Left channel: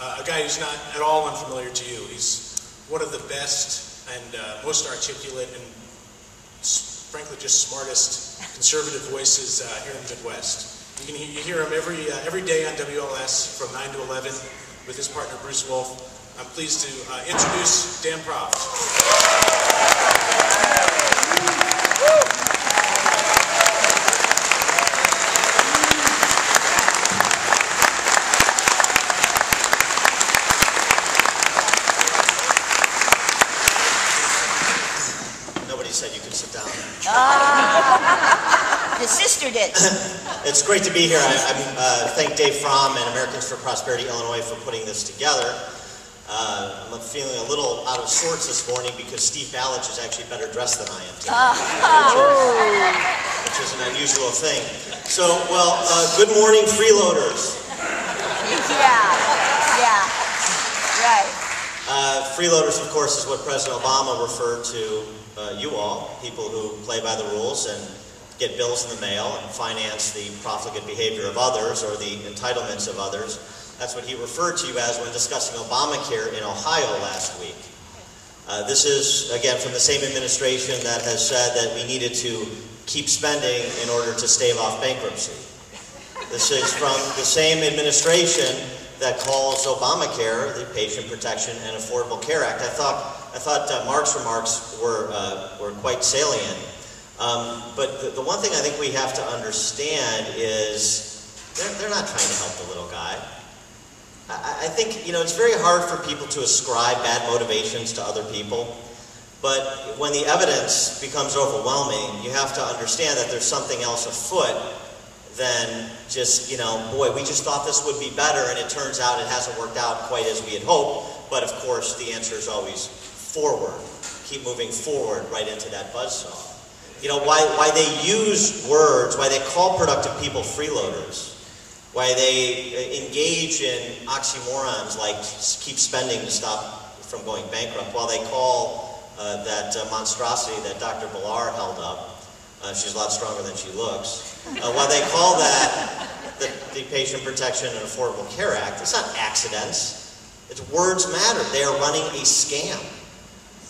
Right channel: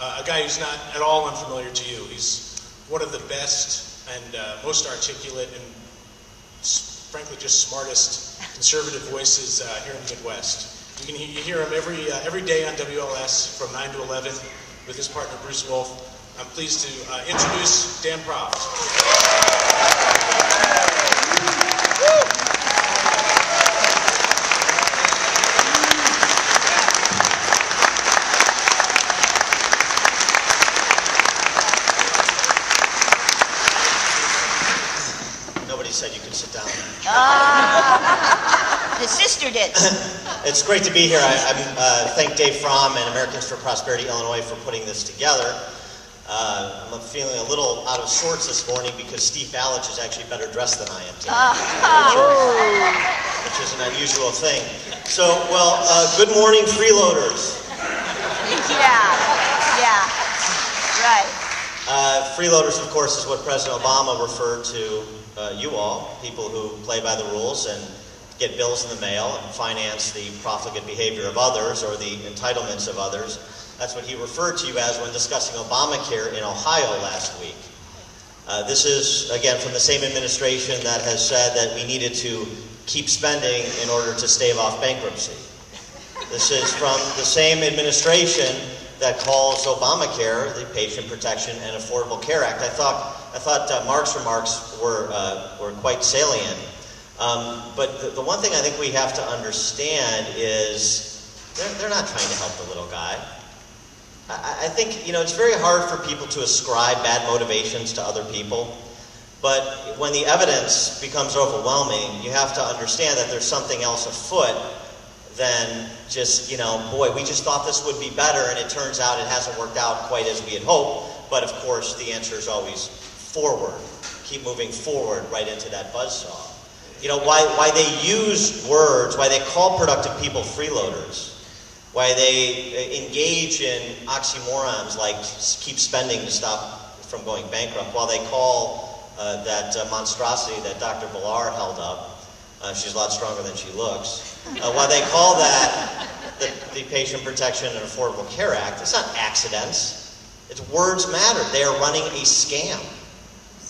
a guy who's not at all unfamiliar to you. He's one of the best and most articulate and frankly just smartest conservative voices here in the Midwest. You hear him every day on WLS from 9 to 11 with his partner Bruce Wolf. I'm pleased to introduce Dan Proft. Nobody said you could sit down. The sister did. It's great to be here. I thank Dave Fromm and Americans for Prosperity Illinois for putting this together. I'm feeling a little out of sorts this morning because Steve Ballich is actually better dressed than I am today, which is an unusual thing. So, well, good morning, freeloaders. Yeah, right. Freeloaders, of course, is what President Obama referred to you all, people who play by the rules and get bills in the mail and finance the profligate behavior of others or the entitlements of others. That's what he referred to you as when discussing Obamacare in Ohio last week. This is, again, from the same administration that has said that we needed to keep spending in order to stave off bankruptcy. This is from the same administration that calls Obamacare the Patient Protection and Affordable Care Act. I thought Mark's remarks were quite salient. But the one thing I think we have to understand is they're not trying to help the little guy. I think, it's very hard for people to ascribe bad motivations to other people. But when the evidence becomes overwhelming, you have to understand that there's something else afoot than just, boy, we just thought this would be better, and it turns out it hasn't worked out quite as we had hoped. But of course, the answer is always forward. Keep moving forward right into that buzzsaw. Why they use words, why they call productive people freeloaders, why they engage in oxymorons like keep spending to stop from going bankrupt, while they call that monstrosity that Dr. Villar held up, she's a lot stronger than she looks, while they call that the Patient Protection and Affordable Care Act, it's not accidents. It's words matter. They are running a scam.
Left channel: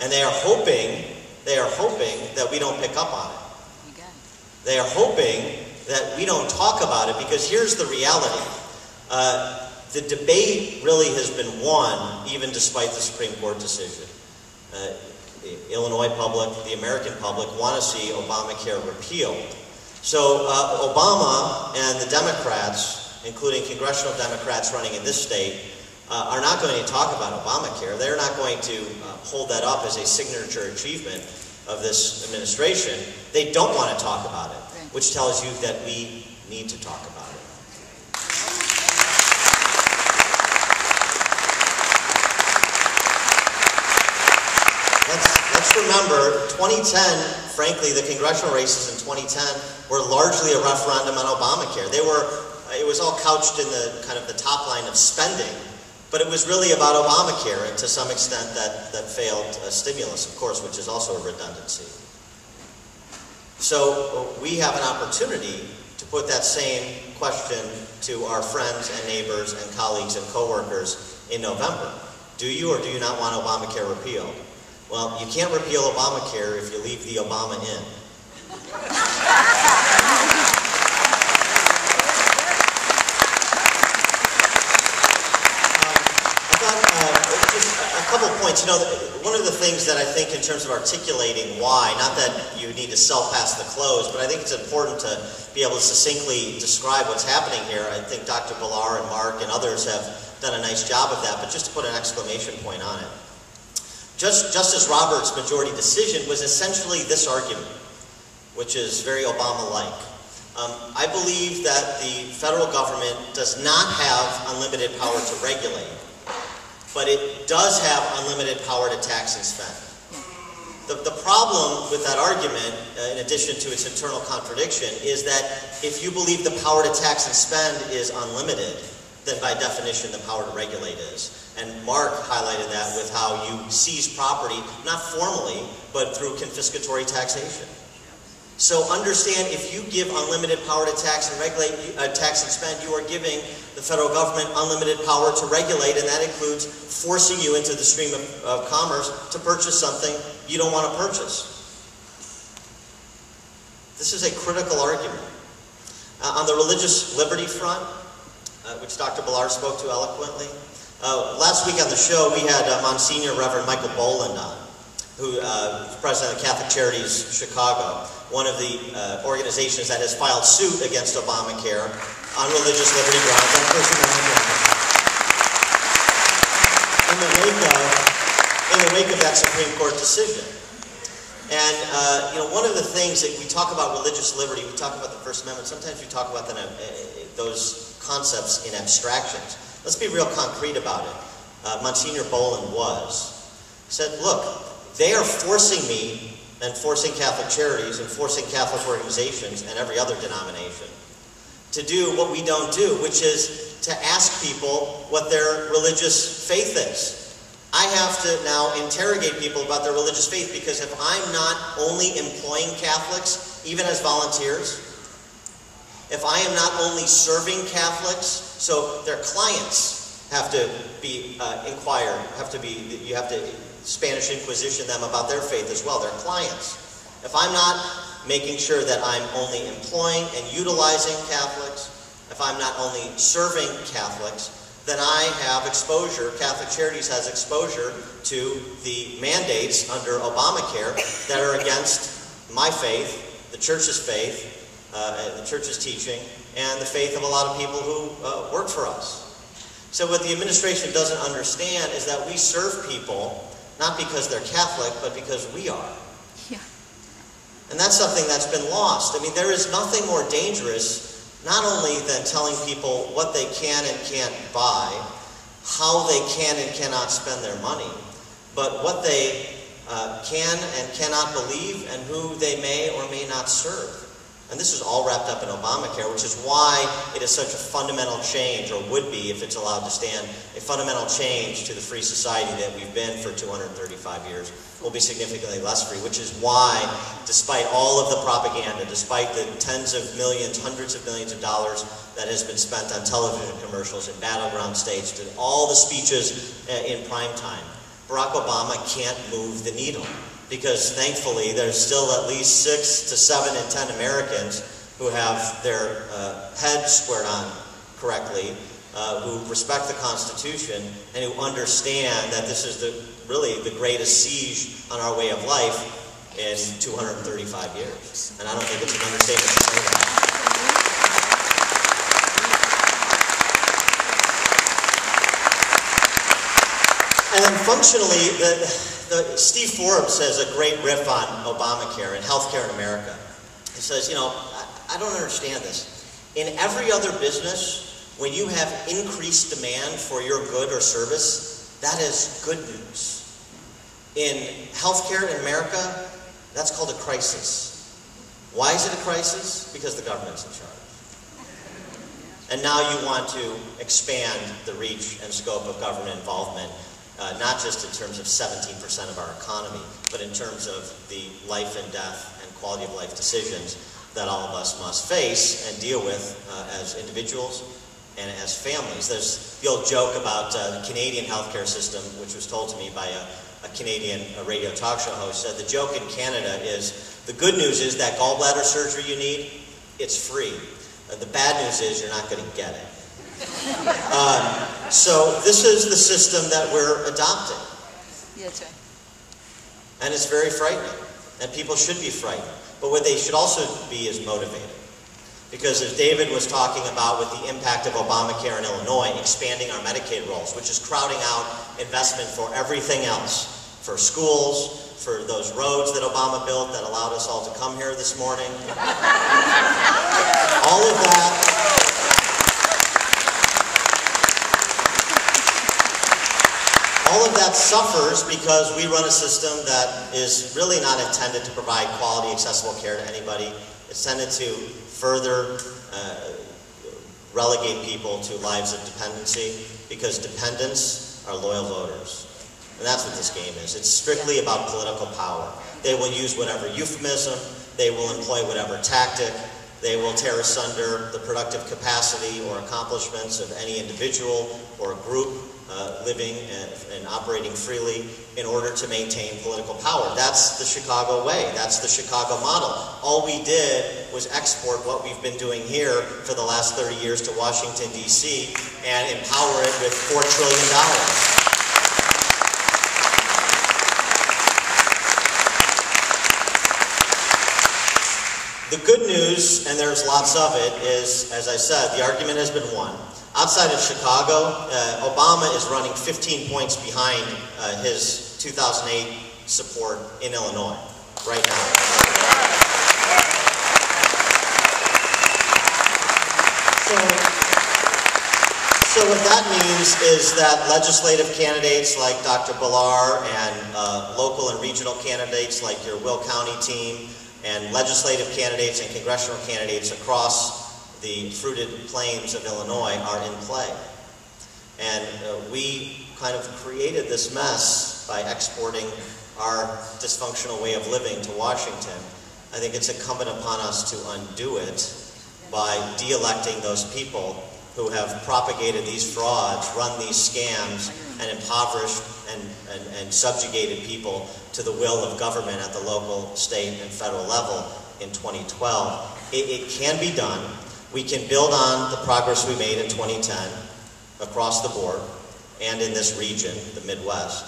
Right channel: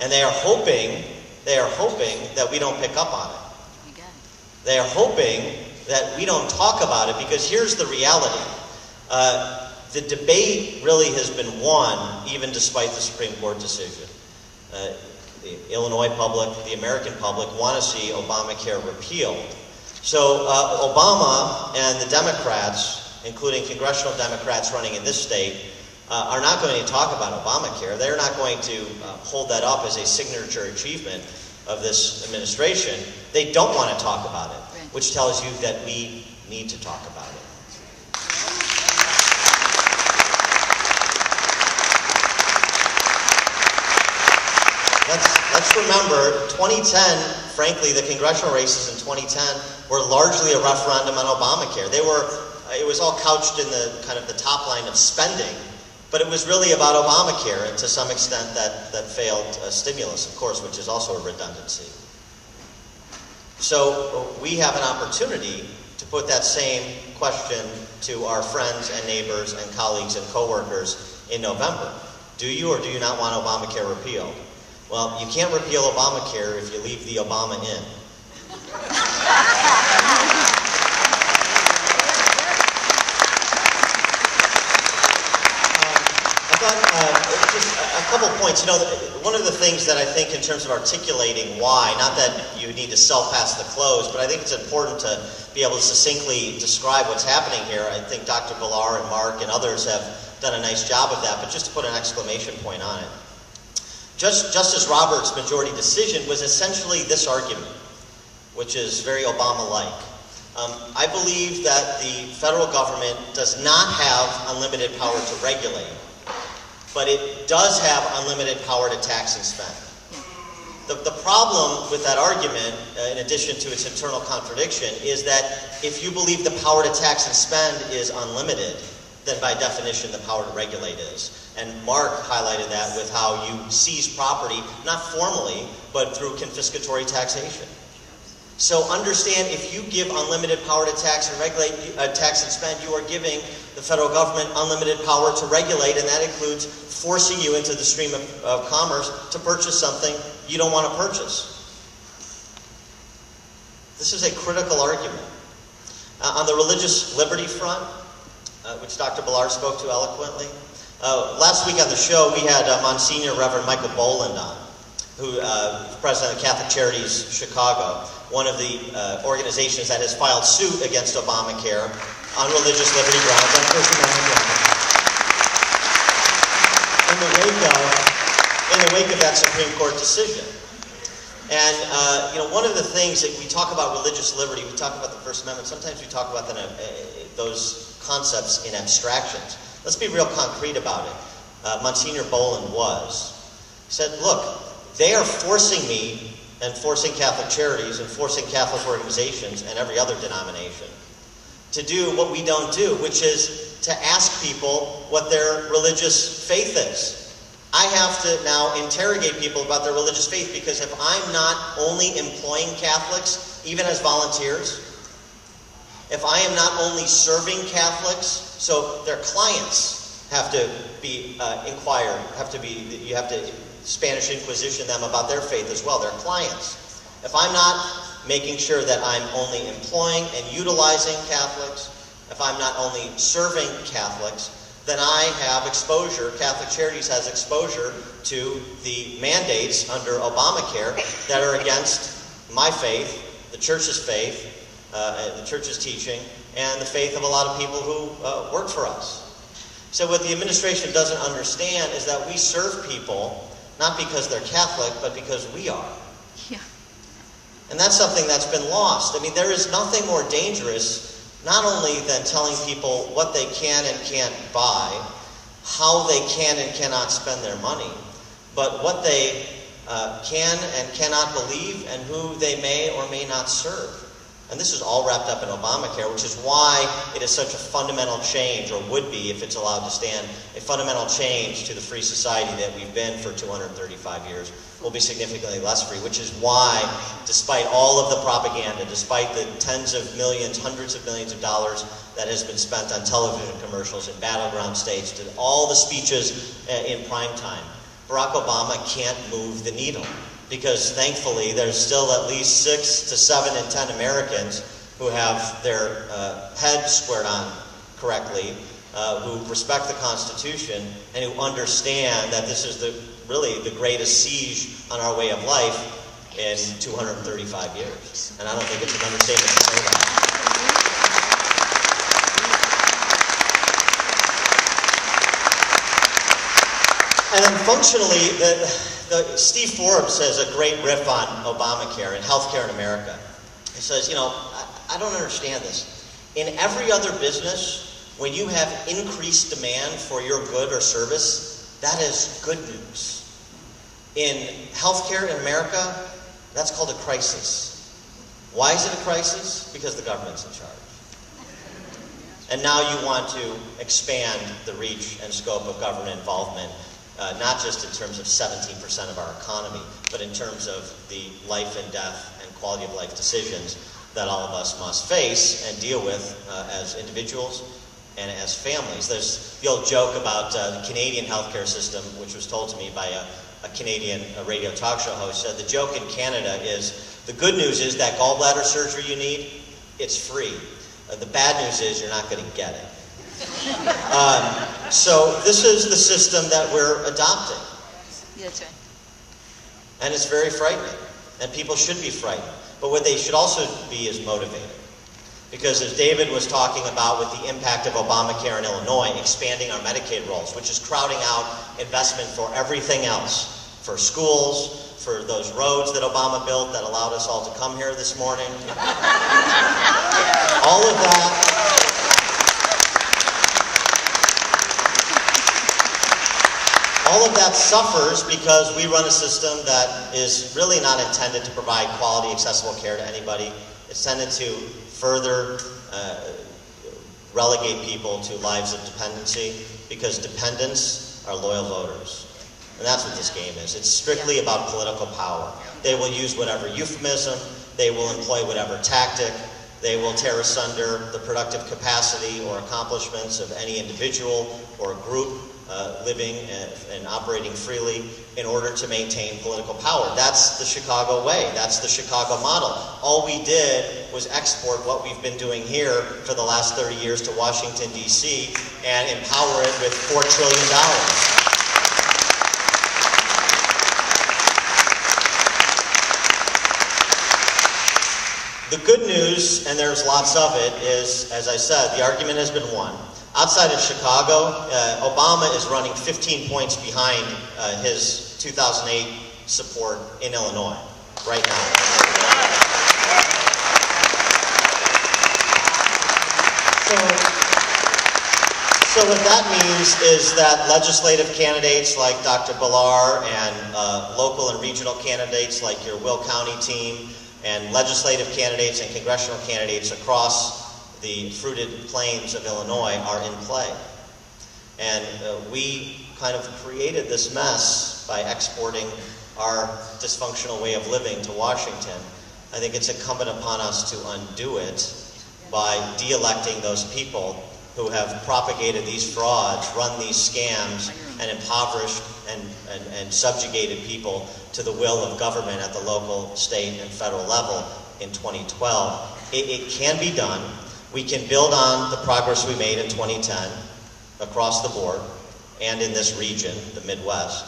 And they are hoping that we don't pick up on it. They are hoping that we don't talk about it, because here's the reality. The debate really has been won, even despite the Supreme Court decision. The Illinois public, the American public, want to see Obamacare repealed. So Obama and the Democrats, including congressional Democrats running in this state, are not going to talk about Obamacare. They're not going to hold that up as a signature achievement of this administration. They don't want to talk about it, which tells you that we need to talk about it. Let's remember, 2010, frankly, the congressional races in 2010 were largely a referendum on Obamacare. It was all couched in the kind of the top line of spending, but it was really about Obamacare, and to some extent that failed stimulus, of course, which is also a redundancy. So we have an opportunity to put that same question to our friends and neighbors and colleagues and coworkers in November. Do you or do you not want Obamacare repealed? Well, you can't repeal Obamacare if you leave the Obama in. Just a couple points. One of the things that I think in terms of articulating why, not that you need to sell past the close, but I think it's important to be able to succinctly describe what's happening here. I think Dr. Villar and Mark and others have done a nice job of that, but just to put an exclamation point on it. Justice Roberts' majority decision was essentially this argument, which is very Obama-like. I believe that the federal government does not have unlimited power to regulate, but it does have unlimited power to tax and spend. The problem with that argument, in addition to its internal contradiction, is that if you believe the power to tax and spend is unlimited, then by definition the power to regulate is. And Mark highlighted that with how you seize property, not formally, but through confiscatory taxation. So understand, if you give unlimited power to tax and regulate, tax and spend, you are giving the federal government unlimited power to regulate, and that includes forcing you into the stream of commerce to purchase something you don't want to purchase. This is a critical argument. On the religious liberty front, which Dr. Ballard spoke to eloquently, last week on the show we had Monsignor Reverend Michael Boland on, who is president of Catholic Charities Chicago, one of the organizations that has filed suit against Obamacare on religious liberty grounds on First Amendment. In the wake of that Supreme Court decision. And one of the things that we talk about religious liberty, we talk about the First Amendment, sometimes we talk about those concepts in abstractions. Let's be real concrete about it. Monsignor Boland he said, look, they are forcing me and forcing Catholic Charities and forcing Catholic organizations and every other denomination to do what we don't do, which is to ask people what their religious faith is. I have to now interrogate people about their religious faith, because if I'm not only employing Catholics, even as volunteers, if I am not only serving Catholics, so their clients have to be you have to Spanish Inquisition them about their faith as well, their clients. If I'm not making sure that I'm only employing and utilizing Catholics, if I'm not only serving Catholics, then I have exposure, Catholic Charities has exposure to the mandates under Obamacare that are against my faith, the Church's faith, the Church's teaching, and the faith of a lot of people who work for us. So what the administration doesn't understand is that we serve people not because they're Catholic, but because we are. Yeah. And that's something that's been lost. I mean, there is nothing more dangerous, not only than telling people what they can and can't buy, how they can and cannot spend their money, but what they can and cannot believe and who they may or may not serve. And this is all wrapped up in Obamacare, which is why it is such a fundamental change, or would be if it's allowed to stand, a fundamental change to the free society that we've been for 235 years. Will be significantly less free, which is why, despite all of the propaganda, despite the tens of millions, hundreds of millions of dollars that has been spent on television commercials in battleground states, to all the speeches in prime time, Barack Obama can't move the needle. Because thankfully there's still at least 6 to 7 in 10 Americans who have their head squared on correctly, who respect the Constitution, and who understand that this is really the greatest siege on our way of life in 235 years. And I don't think it's an understatement to say that. And then functionally, Steve Forbes has a great riff on Obamacare and healthcare in America. He says, I don't understand this. In every other business, when you have increased demand for your good or service, that is good news. In healthcare in America, that's called a crisis. Why is it a crisis? Because the government's in charge. And now you want to expand the reach and scope of government involvement, not just in terms of 17% of our economy, but in terms of the life and death and quality of life decisions that all of us must face and deal with as individuals and as families. There's the old joke about the Canadian healthcare system, which was told to me by a Canadian radio talk show host. Said the joke in Canada is, the good news is that gallbladder surgery you need, it's free. The bad news is you're not going to get it. So this is the system that we're adopting. That's right. And it's very frightening. And people should be frightened. But what they should also be is motivated. Because as David was talking about with the impact of Obamacare in Illinois, expanding our Medicaid rolls, which is crowding out investment for everything else, for schools, for those roads that Obama built that allowed us all to come here this morning. All of that. All of that suffers because we run a system that is really not intended to provide quality, accessible care to anybody. It's intended to further relegate people to lives of dependency, because dependents are loyal voters. And that's what this game is. It's strictly about political power. They will use whatever euphemism, They will employ whatever tactic. They will tear asunder the productive capacity or accomplishments of any individual or group living and operating freely in order to maintain political power. That's the Chicago way. That's the Chicago model. All we did was export what we've been doing here for the last 30 years to Washington, D.C. and empower it with $4 trillion. The good news, and there's lots of it, is, as I said, the argument has been won. Outside of Chicago, Obama is running 15 points behind his 2008 support in Illinois right now. So what that means is that legislative candidates like Dr. Ballar and local and regional candidates like your Will County team and legislative candidates and congressional candidates across the fruited plains of Illinois are in play. And we kind of created this mess by exporting our dysfunctional way of living to Washington. I think it's incumbent upon us to undo it by de-electing those people who have propagated these frauds, run these scams, and impoverished and subjugated people to the will of government at the local, state, and federal level in 2012. It can be done. We can build on the progress we made in 2010 across the board and in this region, the Midwest.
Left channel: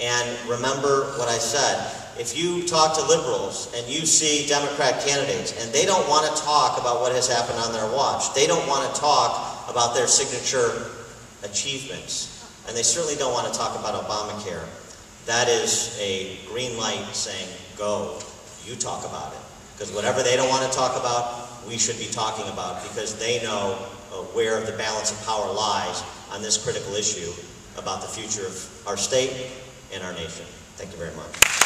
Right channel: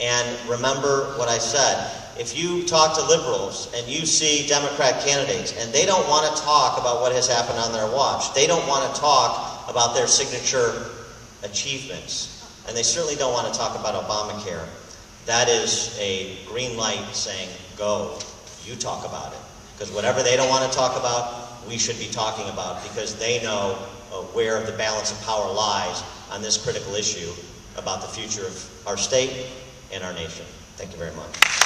And remember what I said. If you talk to liberals and you see Democrat candidates and they don't want to talk about what has happened on their watch, they don't want to talk about their signature achievements, and they certainly don't want to talk about Obamacare, that is a green light saying, go, you talk about it. Because whatever they don't want to talk about, we should be talking about, because they know where the balance of power lies on this critical issue about the future of our state and our nation. Thank you very much.